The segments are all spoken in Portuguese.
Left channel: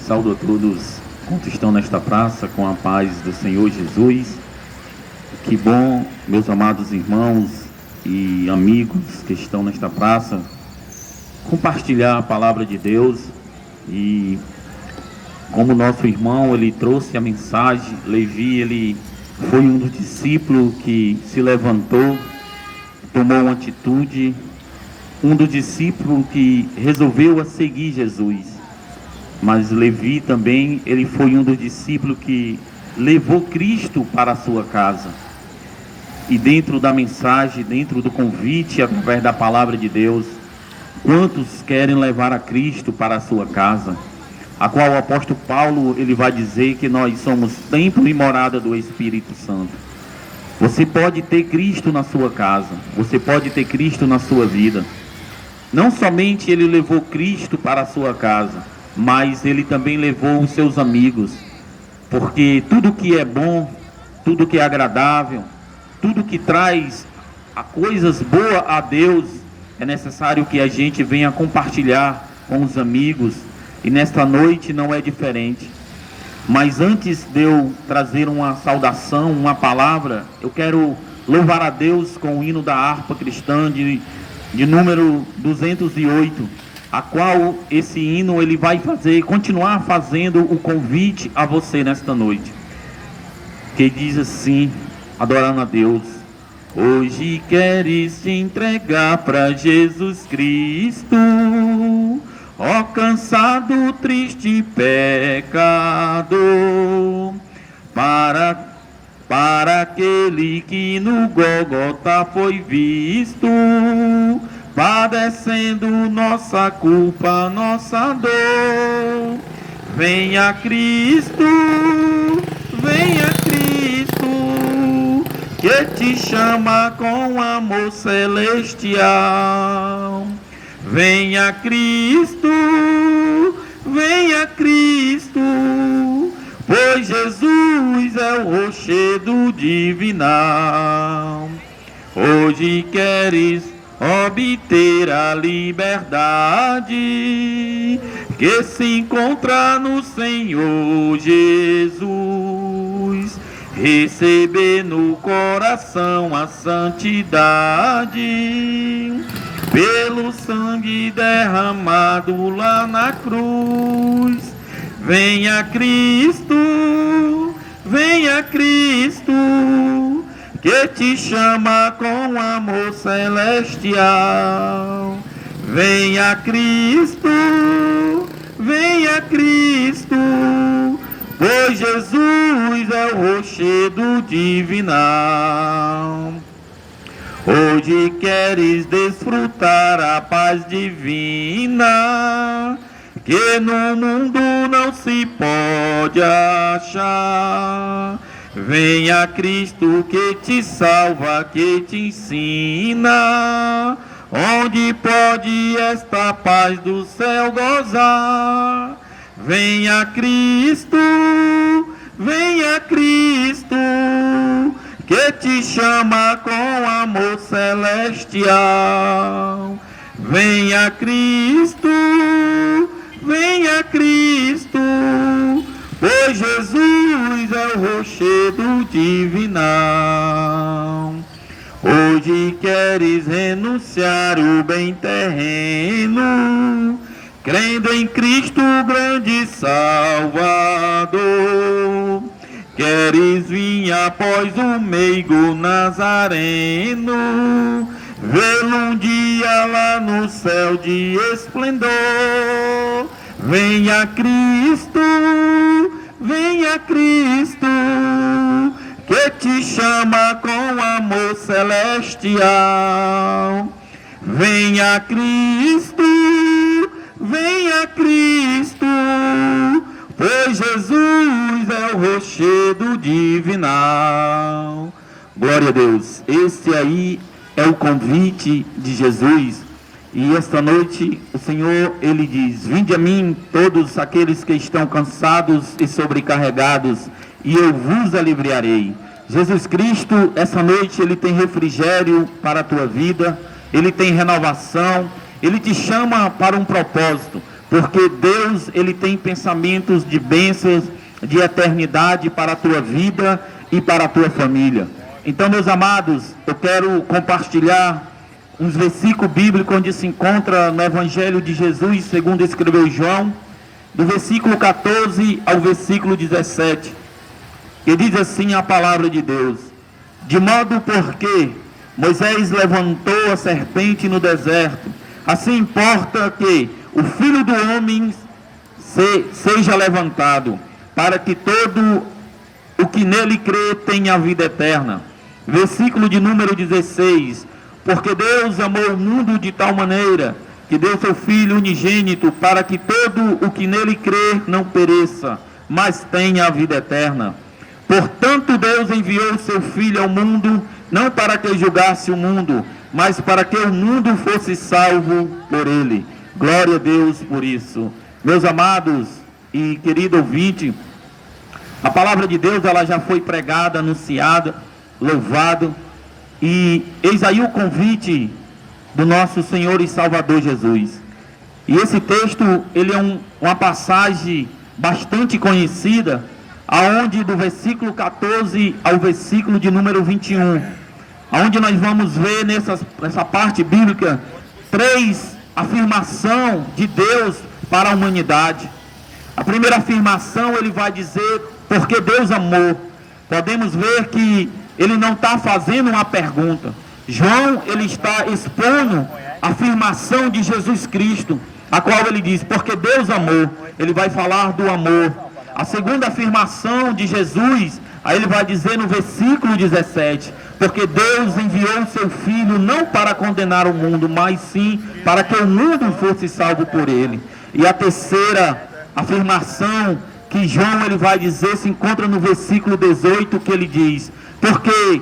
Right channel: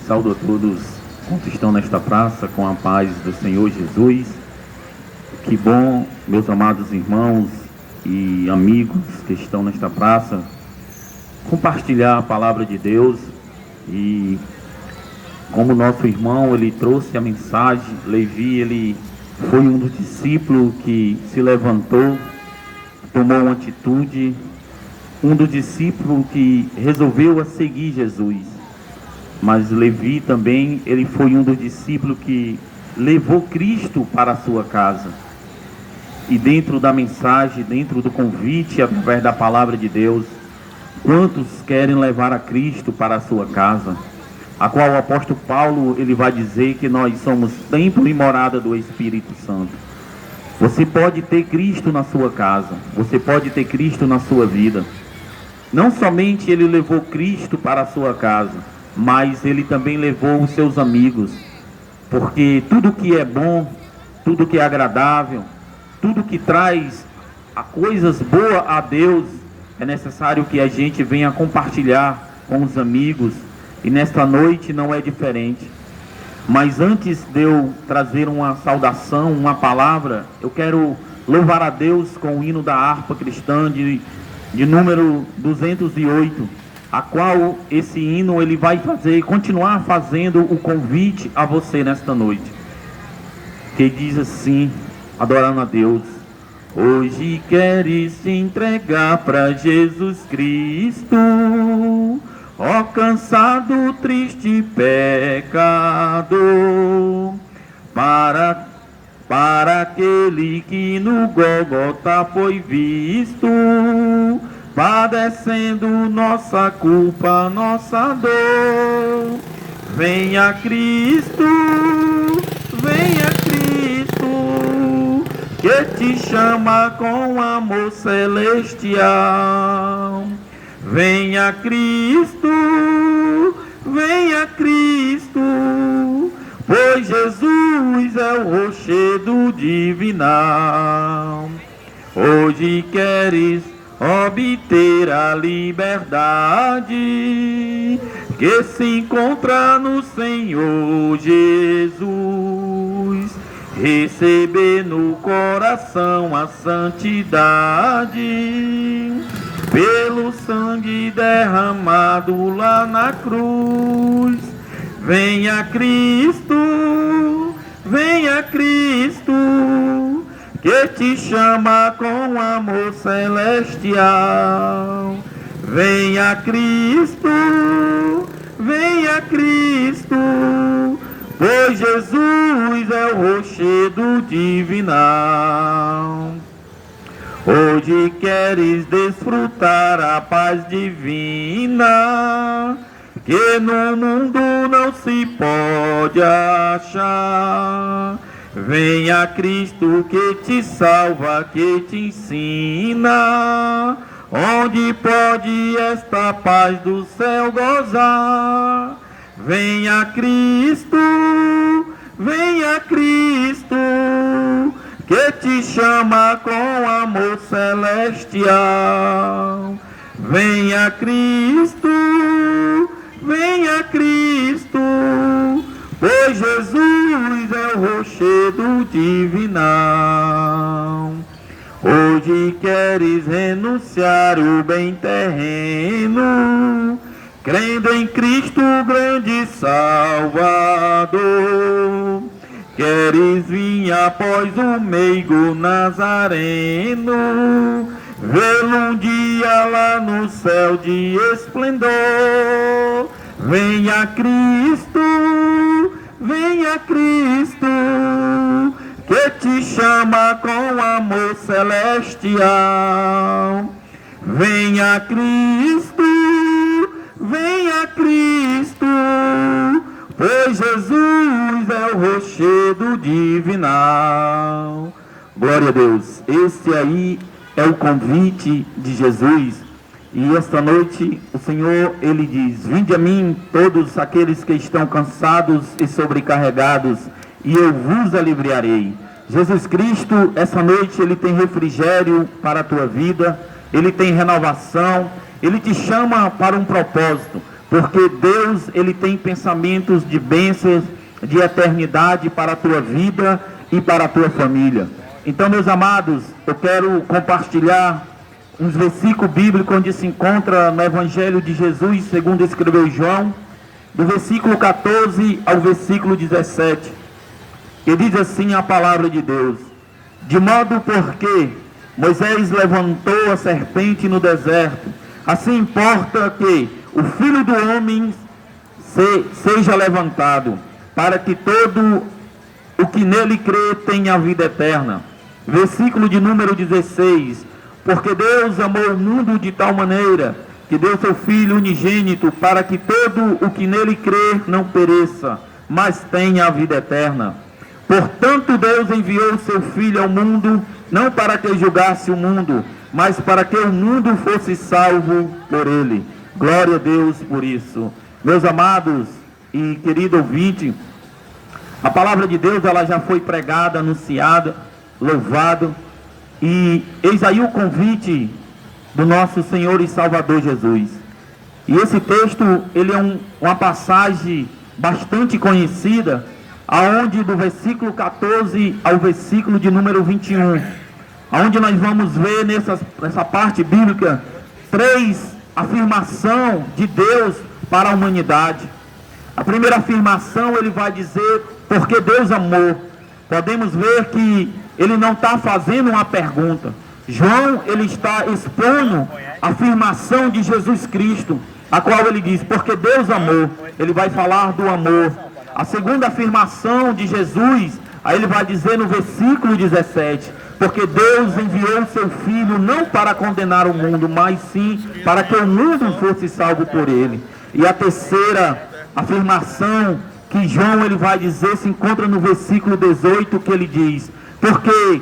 Saúdo a todos quantos estão nesta praça com a paz do Senhor Jesus. Que bom, meus amados irmãos e amigos que estão nesta praça, compartilhar a palavra de Deus. E como nosso irmão, ele trouxe a mensagem, Levi, ele foi um dos discípulos que se levantou, tomou uma atitude, um dos discípulos que resolveu a seguir Jesus. Mas Levi também, ele foi um dos discípulos que levou Cristo para a sua casa. E dentro da mensagem, dentro do convite, através da palavra de Deus, quantos querem levar a Cristo para a sua casa? A qual o apóstolo Paulo, ele vai dizer que nós somos templo e morada do Espírito Santo. Você pode ter Cristo na sua casa, você pode ter Cristo na sua vida. Não somente ele levou Cristo para a sua casa, mas ele também levou os seus amigos, porque tudo que é bom, tudo que é agradável, tudo que traz a coisas boas a Deus, é necessário que a gente venha compartilhar com os amigos, e nesta noite não é diferente. Mas antes de eu trazer uma saudação, uma palavra, eu quero louvar a Deus com o hino da harpa cristã de número 208, a qual esse hino ele vai continuar fazendo o convite a você nesta noite, que diz assim, adorando a Deus: hoje queres te entregar para Jesus Cristo, ó cansado, triste pecador, para aquele que no Gólgota foi visto, padecendo nossa culpa, nossa dor. Venha Cristo, que te chama com amor celestial. Venha Cristo, pois Jesus é o rochedo divinal. Hoje queres obter a liberdade que se encontra no Senhor Jesus, receber no coração a santidade pelo sangue derramado lá na cruz. Venha Cristo, que te chama com amor celestial. Venha Cristo, pois Jesus é o rochedo divinal. Hoje queres desfrutar a paz divina, que no mundo não se pode achar. Venha Cristo que te salva, que te ensina, onde pode esta paz do céu gozar. Venha Cristo, que te chama com amor celestial. Venha Cristo, pois Jesus é o rochedo divinal. Hoje queres renunciar o bem terreno, crendo em Cristo grande Salvador. Queres vir após o meigo Nazareno, vê-lo um dia lá no céu de esplendor. Venha Cristo, que te chama com amor celestial. Venha Cristo, pois Jesus é o rochedo divinal. Glória a Deus. Esse aí é o convite de Jesus. E esta noite o Senhor, ele diz: vinde a mim todos aqueles que estão cansados e sobrecarregados, e eu vos aliviarei. Jesus Cristo, essa noite, ele tem refrigério para a tua vida, ele tem renovação, ele te chama para um propósito. porque Deus, Ele tem pensamentos de bênçãos, de eternidade para a tua vida e para a tua família. Então, meus amados, eu quero compartilhar uns versículos bíblicos onde se encontra no Evangelho de Jesus, segundo escreveu João, do versículo 14 ao versículo 17, que diz assim a palavra de Deus: de modo porque Moisés levantou a serpente no deserto, assim importa que o Filho do Homem seja levantado, para que todo o que nele crê tenha a vida eterna. Versículo de número 16: porque Deus amou o mundo de tal maneira que deu seu Filho unigênito, para que todo o que nele crê não pereça, mas tenha a vida eterna. Portanto, Deus enviou seu Filho ao mundo, não para que julgasse o mundo, mas para que o mundo fosse salvo por ele. Glória a Deus por isso. Meus amados e querido ouvinte, a palavra de Deus, ela já foi pregada, anunciada, louvado, e eis aí o convite do nosso Senhor e Salvador Jesus. E esse texto, ele é uma passagem bastante conhecida, aonde do versículo 14 ao versículo de número 21, aonde nós vamos ver nessa parte bíblica 3 afirmações de Deus para a humanidade. A primeira afirmação, ele vai dizer, porque Deus amou. Podemos ver que ele não está fazendo uma pergunta. João, ele está expondo a afirmação de Jesus Cristo, a qual ele diz, porque Deus amou. Ele vai falar do amor. A segunda afirmação de Jesus, aí ele vai dizer no versículo 17, porque Deus enviou o seu Filho não para condenar o mundo, mas sim para que o mundo fosse salvo por ele. E a terceira afirmação que João, ele vai dizer, se encontra no versículo 18, que ele diz, porque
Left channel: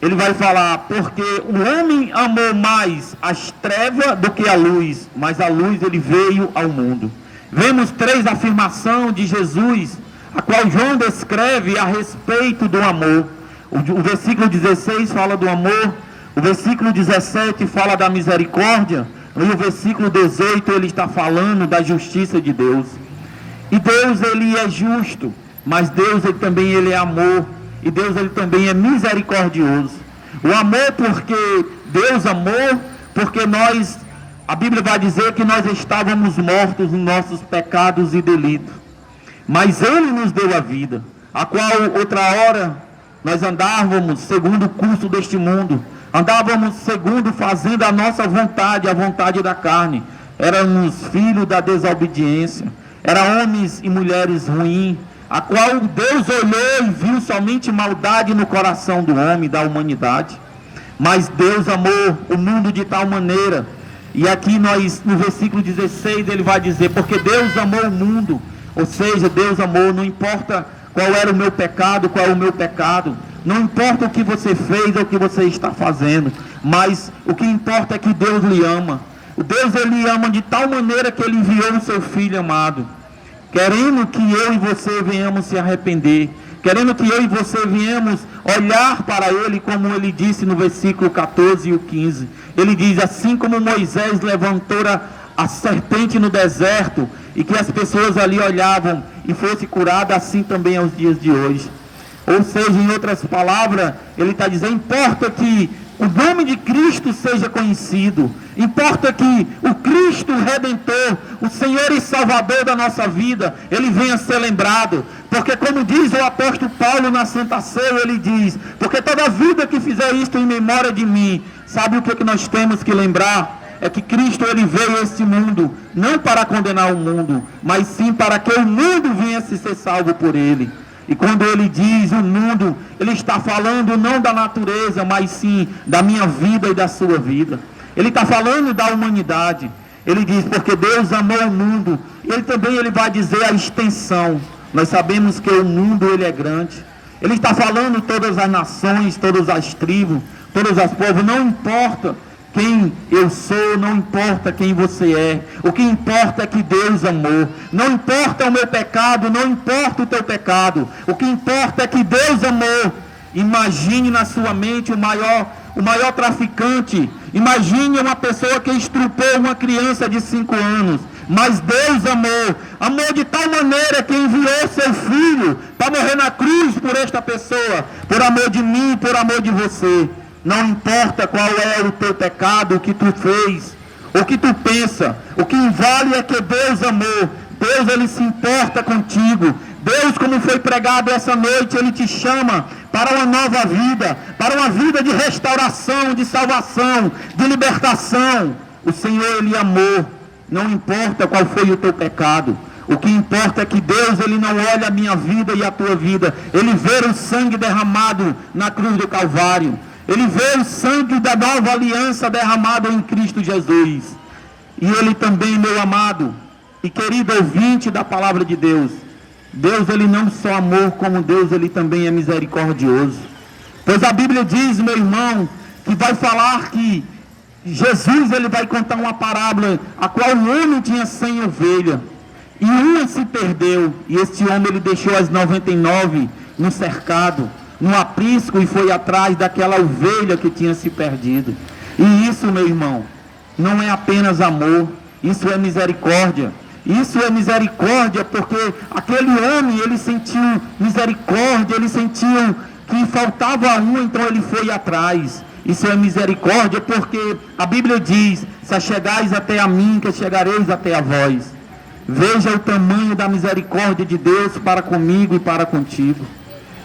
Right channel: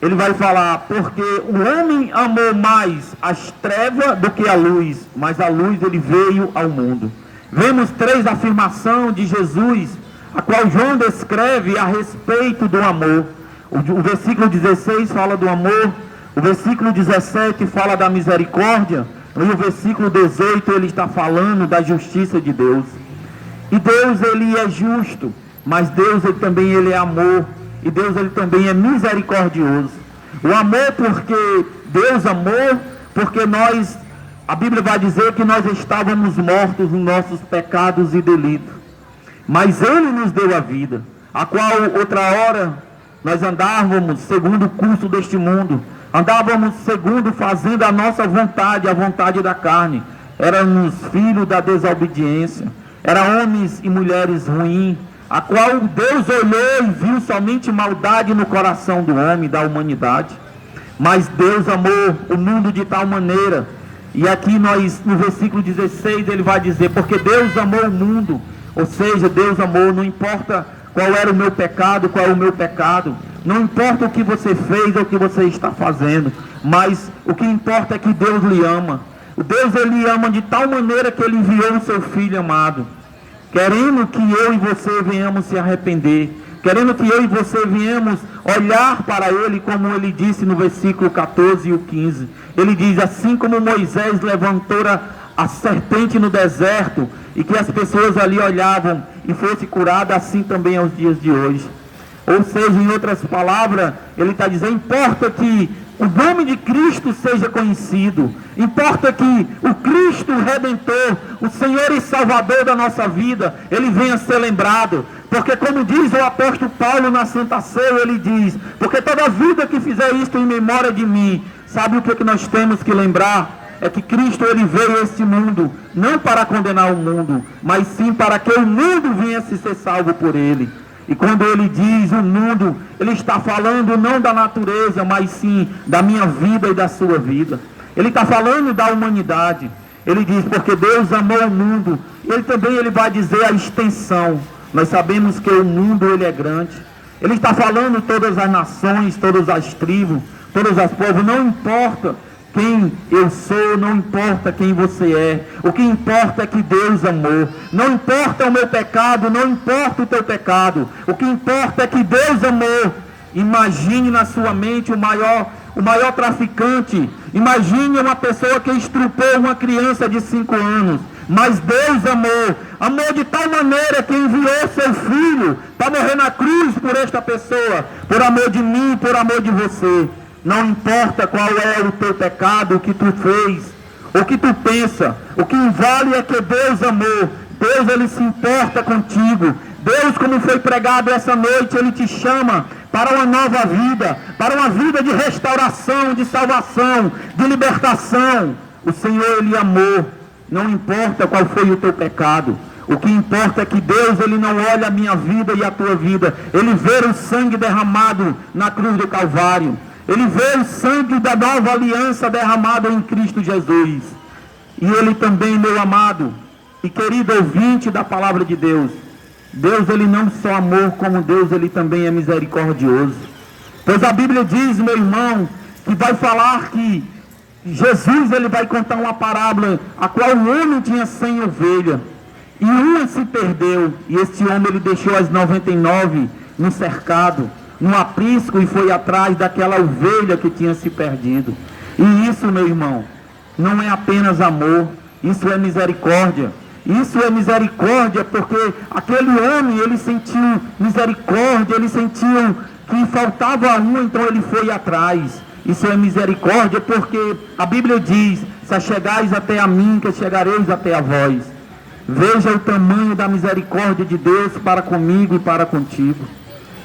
ele vai falar, porque o homem amou mais as trevas do que a luz, mas a luz ele veio ao mundo. Vemos 3 afirmações de Jesus, a qual João descreve a respeito do amor. O versículo 16 fala do amor, o versículo 17 fala da misericórdia, e o versículo 18 ele está falando da justiça de Deus. E Deus, ele é justo, mas Deus ele é amor, e Deus ele também é misericordioso. O amor porque Deus amou, porque a Bíblia vai dizer que nós estávamos mortos nos nossos pecados e delitos, mas Ele nos deu a vida, a qual outra hora nós andávamos segundo o curso deste mundo, andávamos segundo fazendo a nossa vontade, a vontade da carne, éramos filhos da desobediência, eram homens e mulheres ruins, a qual Deus olhou e viu somente maldade no coração do homem, da humanidade. Mas Deus amou o mundo de tal maneira, e aqui no versículo 16 ele vai dizer, porque Deus amou o mundo, ou seja, Deus amou, não importa qual era o meu pecado, qual é o meu pecado, não importa o que você fez ou o que você está fazendo, mas o que importa é que Deus lhe ama. O Deus ele ama de tal maneira que ele enviou o seu Filho amado, querendo que eu e você venhamos se arrepender, querendo que eu e você venhamos olhar para ele, como ele disse no versículo 14 e o 15. Ele diz, assim como Moisés levantou a serpente no deserto, e que as pessoas ali olhavam e fosse curada, assim também aos dias de hoje. Ou seja, em outras palavras, ele está dizendo, importa que o nome de Cristo seja conhecido, importa que o Cristo Redentor, o Senhor e Salvador da nossa vida, ele venha ser lembrado, porque como diz o apóstolo Paulo na Santa Ceia, ele diz, porque toda vida que fizer isto em memória de mim, sabe o que nós temos que lembrar? É que Cristo ele veio a este mundo, não para condenar o mundo, mas sim para que o mundo viesse ser salvo por ele. E quando ele diz o mundo, ele está falando não da natureza, mas sim da minha vida e da sua vida. Ele está falando da humanidade. Ele diz, porque Deus amou o mundo. Ele também vai dizer a extensão. Nós sabemos que o mundo ele é grande. Ele está falando todas as nações, todas as tribos, todas as povos. Não importa quem eu sou, não importa quem você é, o que importa é que Deus amou. Não importa o meu pecado, não importa o teu pecado, o que importa é que Deus amou. Imagine na sua mente o maior traficante, imagine uma pessoa que estrupou uma criança de 5 anos, Mas Deus amou de tal maneira que enviou seu Filho para morrer na cruz por esta pessoa, por amor de mim, por amor de você. Não importa qual é o teu pecado, o que tu fez, o que tu pensa, o que vale é que Deus amou. Deus, Ele se importa contigo. Deus, como foi pregado essa noite, Ele te chama para uma nova vida, para uma vida de restauração, de salvação, de libertação. O Senhor, Ele amou. Não importa qual foi o teu pecado. O que importa é que Deus, Ele não olha a minha vida e a tua vida. Ele vê o sangue derramado na cruz do Calvário. Ele vê o sangue da nova aliança derramado em Cristo Jesus. E Ele também, meu amado e querido ouvinte da palavra de Deus, Deus, Ele não só amou, como Deus, Ele também é misericordioso. Pois a Bíblia diz, meu irmão, que vai falar que Jesus, Ele vai contar uma parábola, a qual um homem tinha 100 ovelhas, e uma se perdeu, e este homem, ele deixou as 99 no cercado, no aprisco, e foi atrás daquela ovelha que tinha se perdido. E isso, meu irmão, não é apenas amor, isso é misericórdia. Isso é misericórdia, porque aquele homem, ele sentiu misericórdia, ele sentiu que faltava um, então ele foi atrás. Isso é misericórdia, porque a Bíblia diz: se achegais até a mim, que chegareis até a vós. Veja o tamanho da misericórdia de Deus para comigo e para contigo.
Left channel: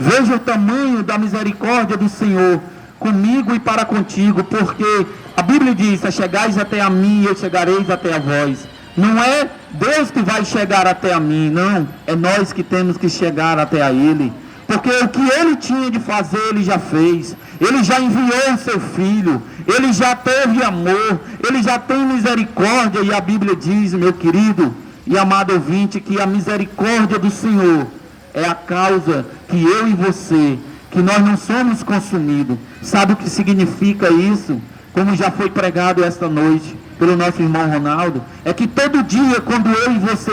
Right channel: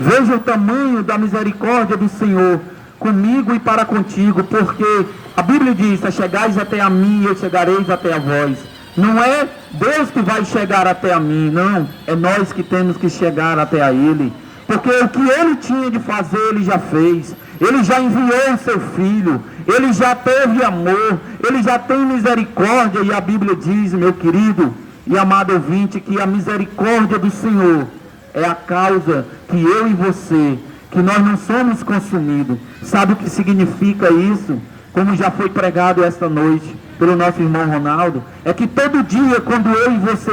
Veja o tamanho da misericórdia do Senhor comigo e para contigo, porque a Bíblia diz: se achegais até a mim, eu chegareis até a vós. Não é Deus que vai chegar até a mim, não. É nós que temos que chegar até a Ele. Porque o que Ele tinha de fazer, Ele já fez. Ele já enviou o seu Filho. Ele já teve amor. Ele já tem misericórdia. E a Bíblia diz, meu querido e amado ouvinte, que a misericórdia do Senhor é a causa que eu e você, que nós não somos consumidos. Sabe o que significa isso? Como já foi pregado esta noite pelo nosso irmão Ronaldo, é que todo dia, quando eu e você,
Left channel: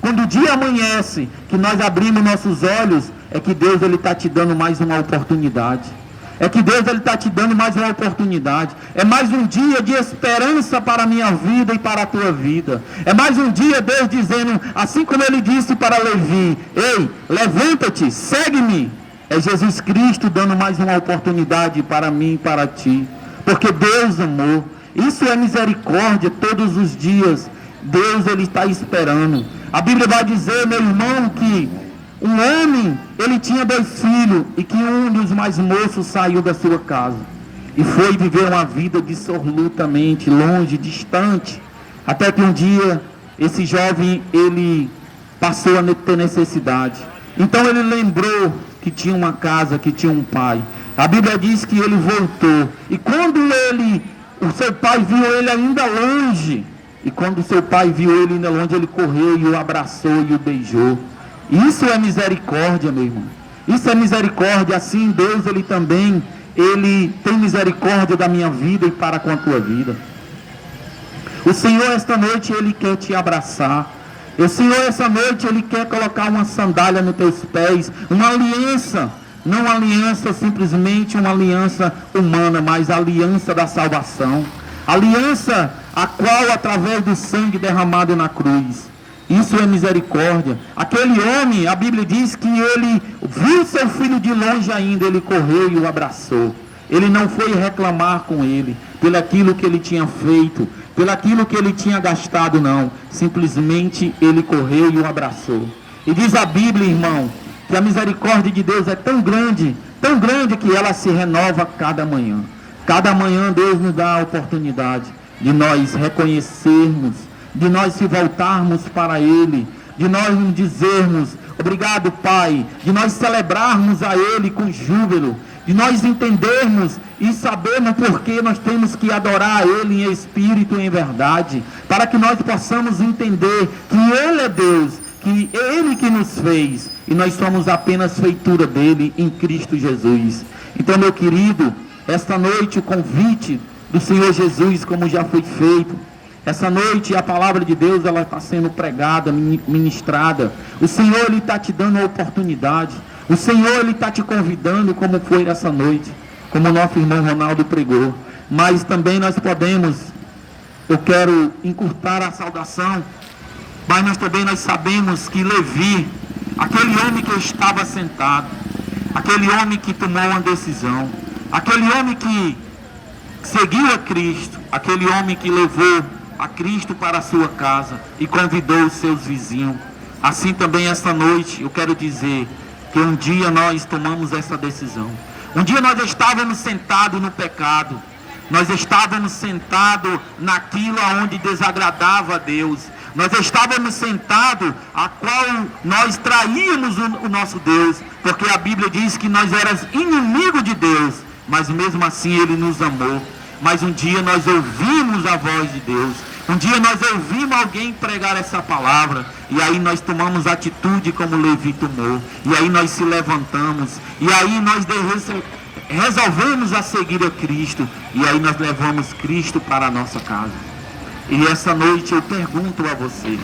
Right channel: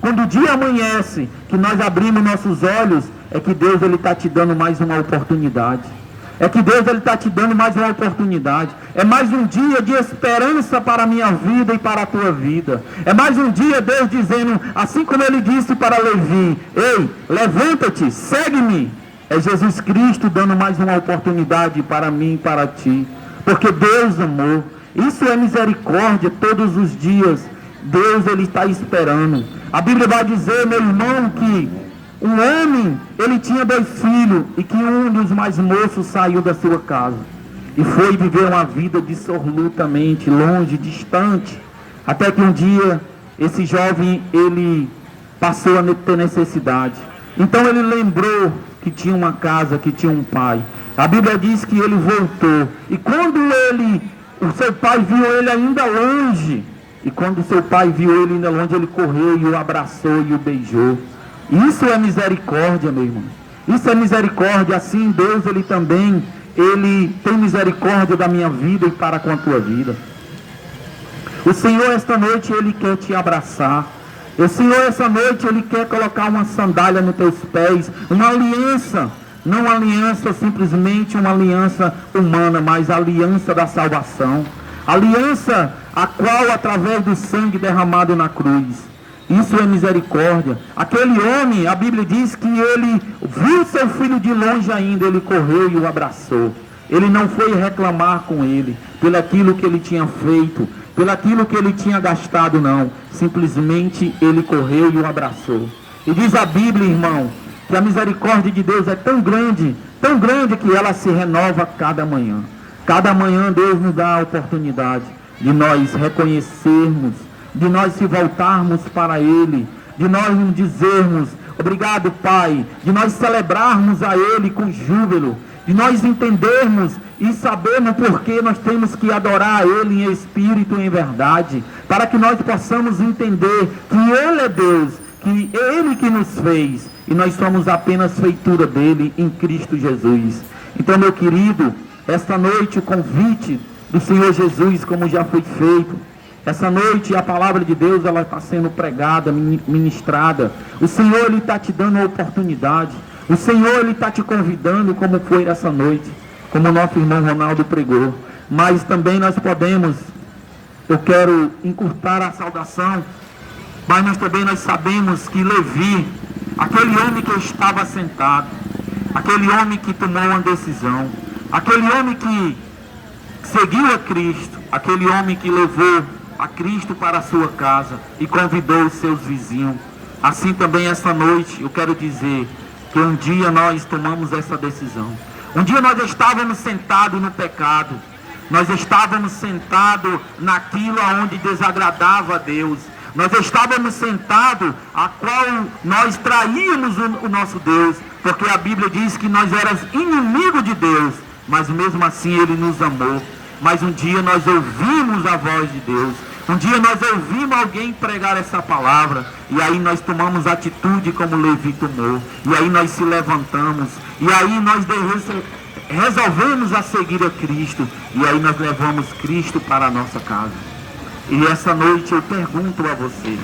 quando o dia amanhece, que nós abrimos nossos olhos, é que Deus, Ele está te dando mais uma oportunidade. É que Deus, Ele está te dando mais uma oportunidade. É mais um dia de esperança para a minha vida e para a tua vida. É mais um dia, Deus dizendo, assim como Ele disse para Levi: ei, levanta-te, segue-me. É Jesus Cristo dando mais uma oportunidade para mim e para ti. Porque Deus amou. Isso é misericórdia todos os dias. Deus, Ele está esperando. A Bíblia vai dizer, meu irmão, que um homem, ele tinha 2 filhos, e que um dos mais moços saiu da sua casa e foi viver uma vida dissolutamente longe, distante, até que um dia esse jovem, ele passou a ter necessidade. Então ele lembrou que tinha uma casa, que tinha um pai. A Bíblia diz que ele voltou, e quando o seu pai viu ele ainda longe, e quando o seu pai viu ele ainda longe, ele correu e o abraçou e o beijou. Isso é misericórdia, meu irmão. Isso é misericórdia. Assim Deus, Ele também, Ele tem misericórdia da minha vida e para com a tua vida. O Senhor esta noite, Ele quer te abraçar. O Senhor esta noite, Ele quer colocar uma sandália nos teus pés, uma aliança. Não uma aliança simplesmente uma aliança humana, mas a aliança da salvação. Aliança a qual, através do sangue derramado na cruz. Isso é misericórdia. Aquele homem, a Bíblia diz que ele viu seu filho de longe ainda, ele correu e o abraçou. Ele não foi reclamar com ele, pelo aquilo que ele tinha feito, pelo aquilo que ele tinha gastado, não. Simplesmente ele correu e o abraçou. E diz a Bíblia, irmão, que a misericórdia de Deus é tão grande que ela se renova cada manhã. Cada manhã Deus nos dá a oportunidade de nós reconhecermos, de nós se voltarmos para Ele, de nós nos dizermos: obrigado, Pai, de nós celebrarmos a Ele com júbilo, de nós entendermos e sabermos por que nós temos que adorar a Ele em espírito e em verdade, para que nós possamos entender que Ele é Deus, que é Ele que nos fez, e nós somos apenas feitura dEle em Cristo Jesus. Então, meu querido, esta noite o convite do Senhor Jesus, como já foi feito, essa noite a palavra de Deus, ela está sendo pregada, ministrada. O Senhor, Ele está te dando a oportunidade. O Senhor, Ele está te convidando, como foi essa noite, como o nosso irmão Ronaldo pregou. Mas também nós podemos, eu quero encurtar a saudação, Mas nós sabemos que Levi, aquele homem que estava sentado, aquele homem que tomou uma decisão, aquele homem que seguiu a Cristo, aquele homem que levou a Cristo para a sua casa e convidou os seus vizinhos. Assim também esta noite eu quero dizer que um dia nós tomamos essa decisão. Um dia nós estávamos sentados no pecado, nós estávamos sentados naquilo onde desagradava a Deus, nós estávamos sentados a qual nós traímos o nosso Deus, porque a Bíblia diz que nós éramos inimigos de Deus, mas mesmo assim Ele nos amou. Mas um dia nós ouvimos a voz de Deus, um dia nós ouvimos alguém pregar essa palavra, e aí nós tomamos atitude como Levi tomou, e aí nós se levantamos, e aí nós resolvemos a seguir a Cristo, e aí nós levamos Cristo para a nossa casa. E essa noite eu pergunto a você,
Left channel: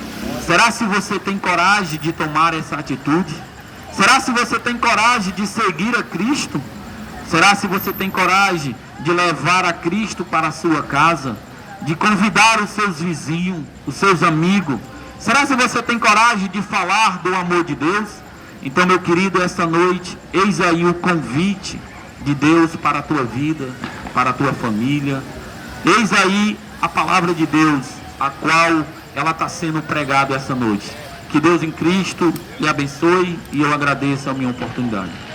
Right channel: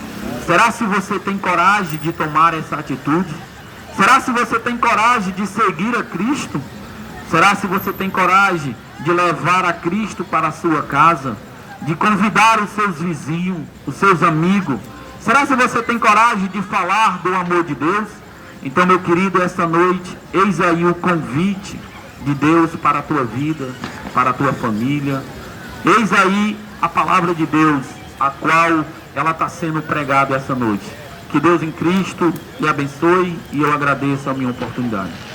será se você tem coragem de tomar essa atitude? Será se você tem coragem de seguir a Cristo? Será se você tem coragem de levar a Cristo para a sua casa, de convidar os seus vizinhos, os seus amigos? Será se você tem coragem de falar do amor de Deus? Então, meu querido, esta noite, eis aí o convite de Deus para a tua vida, para a tua família. Eis aí a palavra de Deus, a qual ela está sendo pregada essa noite. Que Deus em Cristo lhe abençoe, e eu agradeço a minha oportunidade.